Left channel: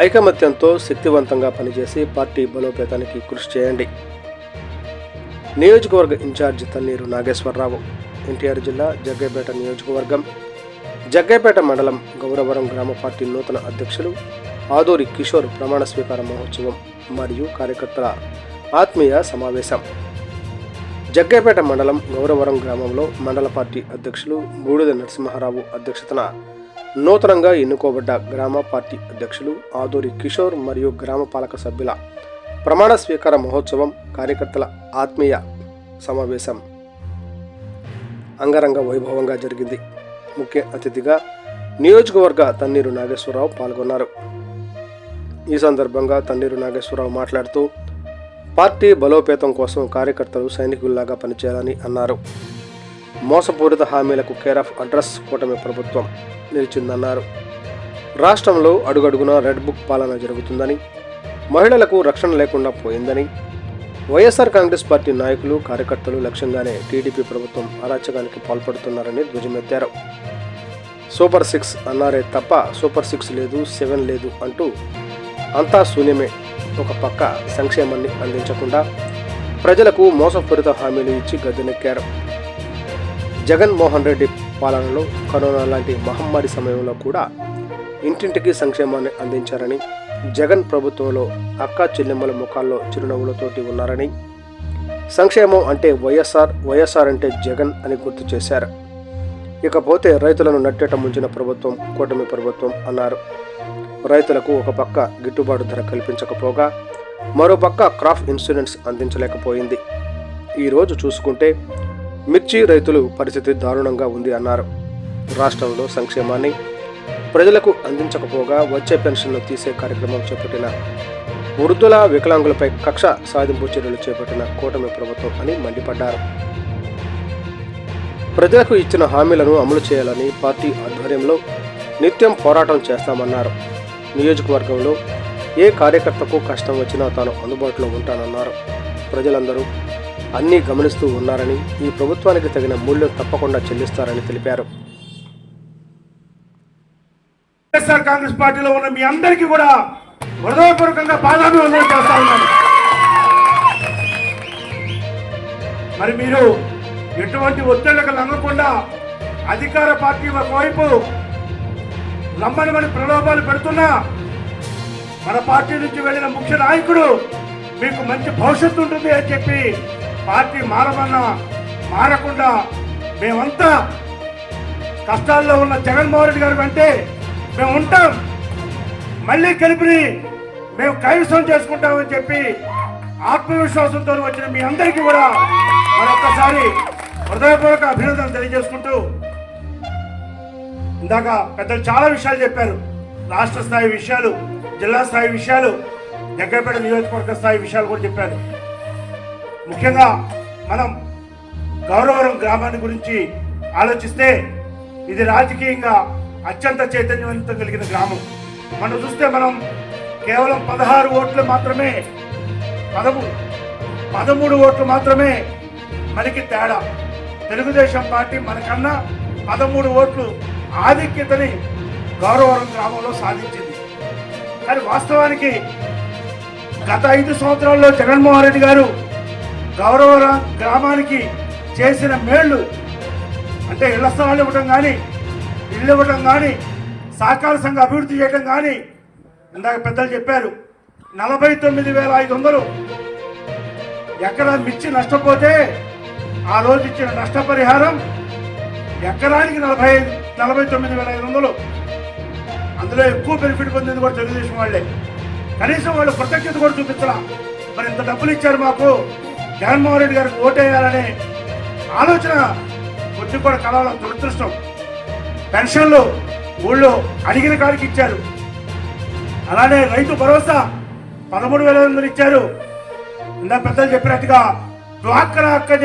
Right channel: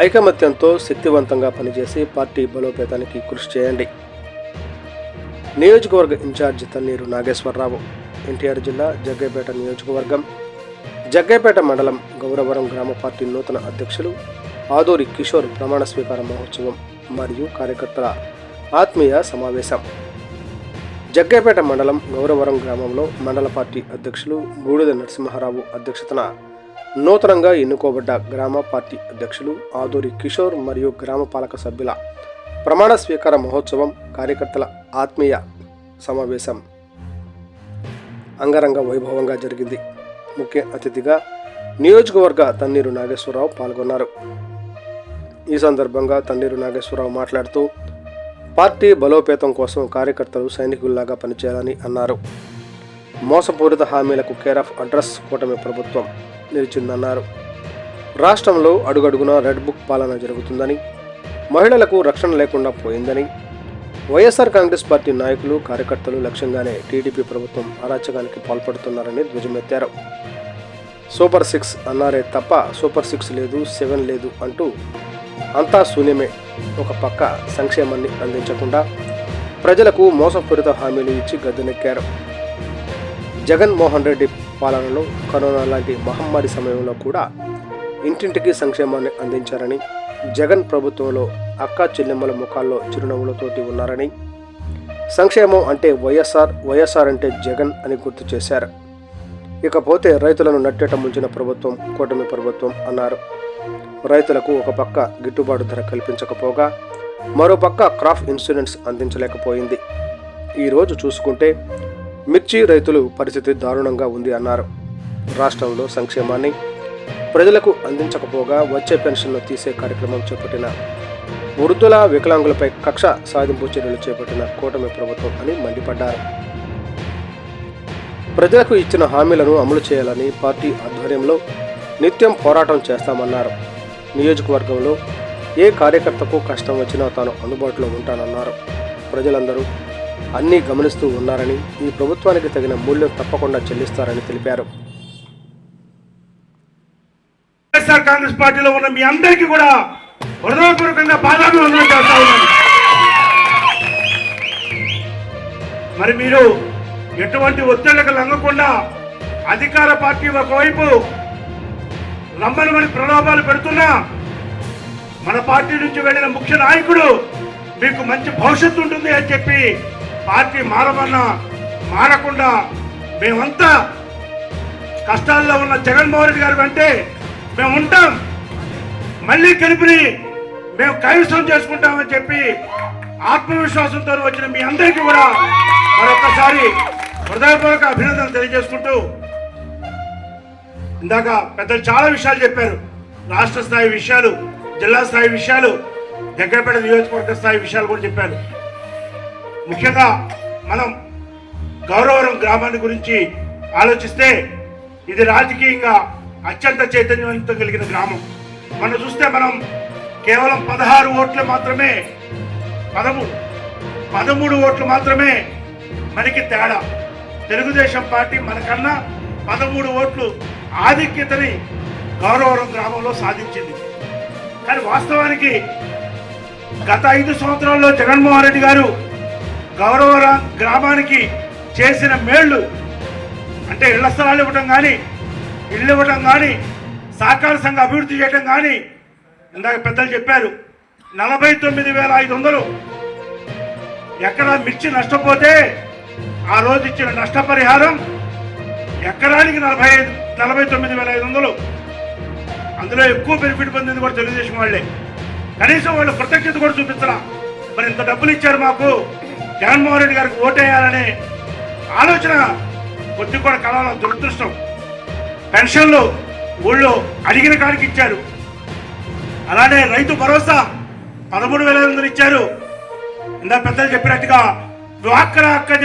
ఐకమత్యంతో శక్తివంతంగా పనిచేసి పార్టీ బలోపేతానికి కృషి చేయండి. నియోజకవర్గ ఇన్ఛార్జి తన్నీరు నాగేశ్వరరావు. ఎన్టీఆర్ జిల్లా జగ్గైపేట నియోజకవర్గం జగ్గైపేట మండలం గౌరవరం గ్రామ పార్టీ నూతన అధ్యక్షులు ఆదూరి కిషోర్ ప్రమాణ స్వీకార మహోత్సవం మరియు కార్యకర్తల ఆత్మీయ సమావేశం. జగ్గైపేట మండలం గౌరవరం గ్రామంలో మండల పార్టీ అధ్యక్షులు బూడిద నరసింహారావు అధ్యక్షతన నూతనంగా ఎన్నుకోబడ్డ గ్రామ పార్టీ అధ్యక్షులు ఆదూరి కిషోర్ మరియు గ్రామ పాలక సభ్యుల ప్రమాణ స్వీకార మహోత్సవం కార్యకర్తల ఆత్మీయ సమావేశం అంగరంగ వైభవంగా జరిగింది. ముఖ్య అతిథిగా నియోజకవర్గ తన్నీరు నాగేశ్వరరావు పాల్గొన్నారు. ఈ సందర్భంగా తన్నీరు నాగేశ్వరరావు మాట్లాడుతూ పార్టీ బలోపేతం కోసం కార్యకర్తలు సైనికుల్లాగా పనిచేయాలని అన్నారు. మోసపూరిత హామీలకు కేర్ ఆఫ్ అడ్రస్ కూటమి ప్రభుత్వం నిలిచిందన్నారు. రాష్ట్రంలో అడుగడుగునా రెడ్ బుక్ పాలన జరుగుతుందని, మహిళలకు రక్షణ లేకుండా పోయిందని, వైఎస్ఆర్ కాంగ్రెస్ పార్టీ నాయకులు కార్యకర్తలు లక్ష్యంగానే టీడీపీ ప్రభుత్వం అరాచకానికి పాల్పడుతున్నారని ధ్వజమెత్తారు. సూపర్ 6 అన్నారే తప్ప సూపర్ 6 లేదు, 7 లేదు అంటూ అంతా శూన్యమే. ఒక పక్క సంక్షేమాన్ని అందించకుండా ప్రజలకు మోసపూరిత హామీలు ఇచ్చి గద్దెనెక్కారు. జగన్మోహన్ రెడ్డి పాలనలో కరోనా లాంటి మహమ్మారి సమయంలో కూడా ఇంటింటికి సంక్షేమాన్ని అందించారని, జగన్ ప్రభుత్వంలో అక్కా చెల్లెమ్మల ముఖాల్లో చిరునవ్వులతోటి ఉన్నారని, సంక్షేమం అంటే వైఎస్ఆర్ అంటే జగన్ అని గుర్తు చేశారు. ఇకపోతే రైతులను నట్టేట ముంచిన ప్రభుత్వం కూటమి ప్రభుత్వం అన్నారు. రైతులకు ఒక పక్క గిట్టుబాటు ధర కల్పించకపోగా మరోపక్క క్రాప్ ఇన్సూరెన్స్ అందించలేకపోయింది. ఈరోజు చూసుకుంటే మిర్చి రైతులు పరిస్థితి దారుణంగా ఉంది అన్నారు. రాష్ట్రంలో సంక్షేమాన్ని ప్రజలకు అందించకపోగా వచ్చే పెన్షన్ను తీసే కార్యక్రమం చేపట్టిన వృద్ధుల వికలాంగులపై కక్ష సాధింపు చర్యలు చేపట్టిన కూటమి ప్రభుత్వం అని మండిపడ్డారు. ప్రజలకు ఇచ్చిన హామీలను అమలు చేయాలని పార్టీ ఆధ్వర్యంలో నిత్యం పోరాటం చేస్తామన్నారు. నియోజకవర్గంలో ఏ కార్యకర్తకు కష్టం వచ్చినా తాను అందుబాటులో ఉంటానన్నారు. ప్రజలందరూ అన్నీ గమనిస్తూ ఉన్నారని, ఈ ప్రభుత్వానికి తగిన మూల్యం తప్పకుండా చెల్లిస్తారని తెలిపారు. వైఎస్ఆర్ కాంగ్రెస్ పార్టీలో ఉన్న మీ అందరికీ కూడా హృదయపూర్వకంగా పాదాభివందనం చేస్తా ఉన్నాను. మరి మీరు ఎటువంటి ఒత్తిళ్లకు లొంగకుండా అధికార పార్టీ ఒకవైపు నమ్మని ప్రలోభాలు పెడుతున్నా మన పార్టీ నుంచి వెళ్ళిన ముఖ్య నాయకుడు మీకు మంచి భవిష్యత్తు ఉంటుంది అని చెప్పి పార్టీ మారకుండా మేమంతా కష్టాల్లో ఉన్న జగన్మోహన్ రెడ్డి గారి వెంటే మేము ఉంటాం, మళ్ళీ కలిపి మేము కైవసం చేసుకుంటామని చెప్పి ఆత్మవిశ్వాసంతో వచ్చిన మీ అందరికీ కూడా మరొకసారి హృదయపూర్వక అభినందనలు తెలియజేసుకుంటూ, ఇందాక పెద్దలు చాలా విషయాలు చెప్పారు. రాష్ట్ర స్థాయి విషయాలు, జిల్లా స్థాయి విషయాలు, జగ్గైపేట నియోజకవర్గ స్థాయి విషయాలు కూడా చెప్పారు. ముఖ్యంగా మనం గౌరవరం గ్రామాన్ని గురించి ఆలోచిస్తే ఇది రాజకీయంగా అత్యంత చైతన్యవంతం కలిగిన గ్రామం. మనం చూస్తే మనం కేవలం 16 ఓట్లు మాత్రమే, 13 ఓట్లు మాత్రమే మనకి తేడా. తెలుగుదేశం పార్టీ మనకన్నా 13 ఓట్లు ఆధిక్యతని గౌరవరం గ్రామంలో సాధించింది. కానీ వాస్తవానికి గత 5 సంవత్సరాల్లో జగన్మోహన్ రెడ్డి గారు గౌరవరం గ్రామానికి చేసిన మేళ్లు అంటే ఇళ్ల స్థలాలు ఇవ్వడం కానీ, ఇల్లు ఇవ్వడం కానీ, సహకార సంఘ అభివృద్ధి చేయడం కానీ, ఇందాక పెద్దలు చెప్పారు 49,500 ఎకరా మిర్చి నష్టపోతే ఆ రోజు ఇచ్చిన నష్టపరిహారం ఎకరానికి 49,500. అందులో ఎక్కువ బెనిఫిట్ పొందింది కూడా తెలుగుదేశం వాళ్ళే. కనీసం వాళ్ళు కృతజ్ఞత కూడా చూపించరా. మరి ఇంత డబ్బులు ఇచ్చారు మాకు, జగన్మోహన్ రెడ్డి గారికి ఓటేయాలనే ఆలోచన కొద్ది కూడా కలవడం దురదృష్టం. పెన్షన్లు ఊళ్ళో అడిగిన కాడికి ఇచ్చారు. అలానే రైతు భరోసా 13,500 ఇచ్చారు. ఇందాక పెద్దలు చెప్పినట్టుగా డ్వాక్రా